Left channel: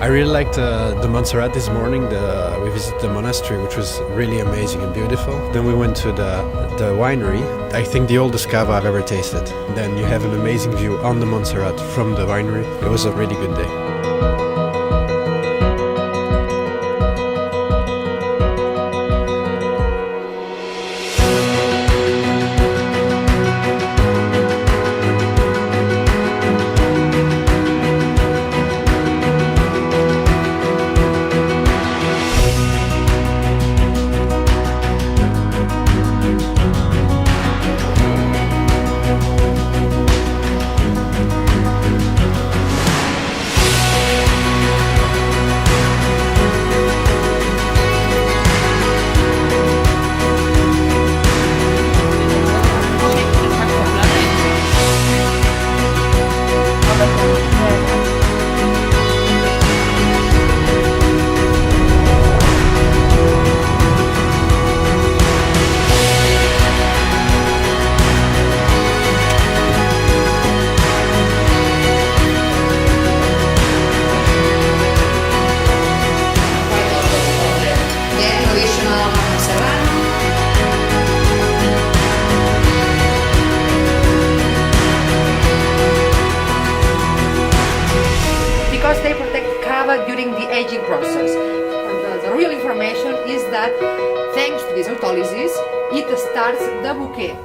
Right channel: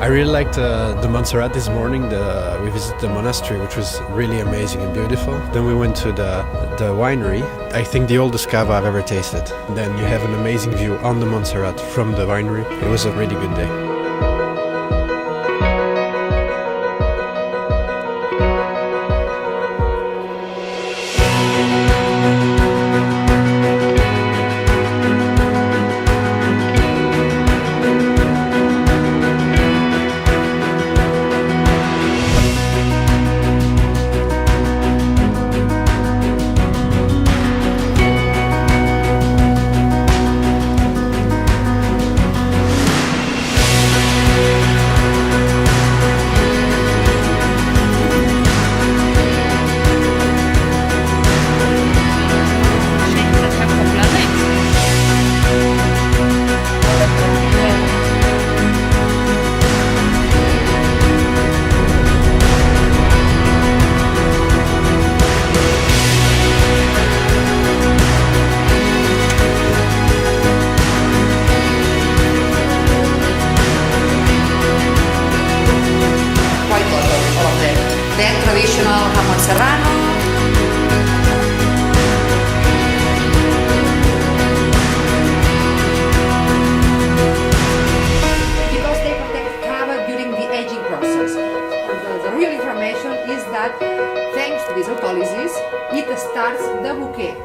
I really liked the Montserrat this morning. We visited the monastery, which was really amazing and beautiful. Then we went to the winery. I think the oldest Cava I've ever tasted. Then you have an amazing view on the Montserrat from the winery. It was a really good day. Because they protect Cava during the aging process. The real information is that thanks to this autolysis, it starts the bouquet.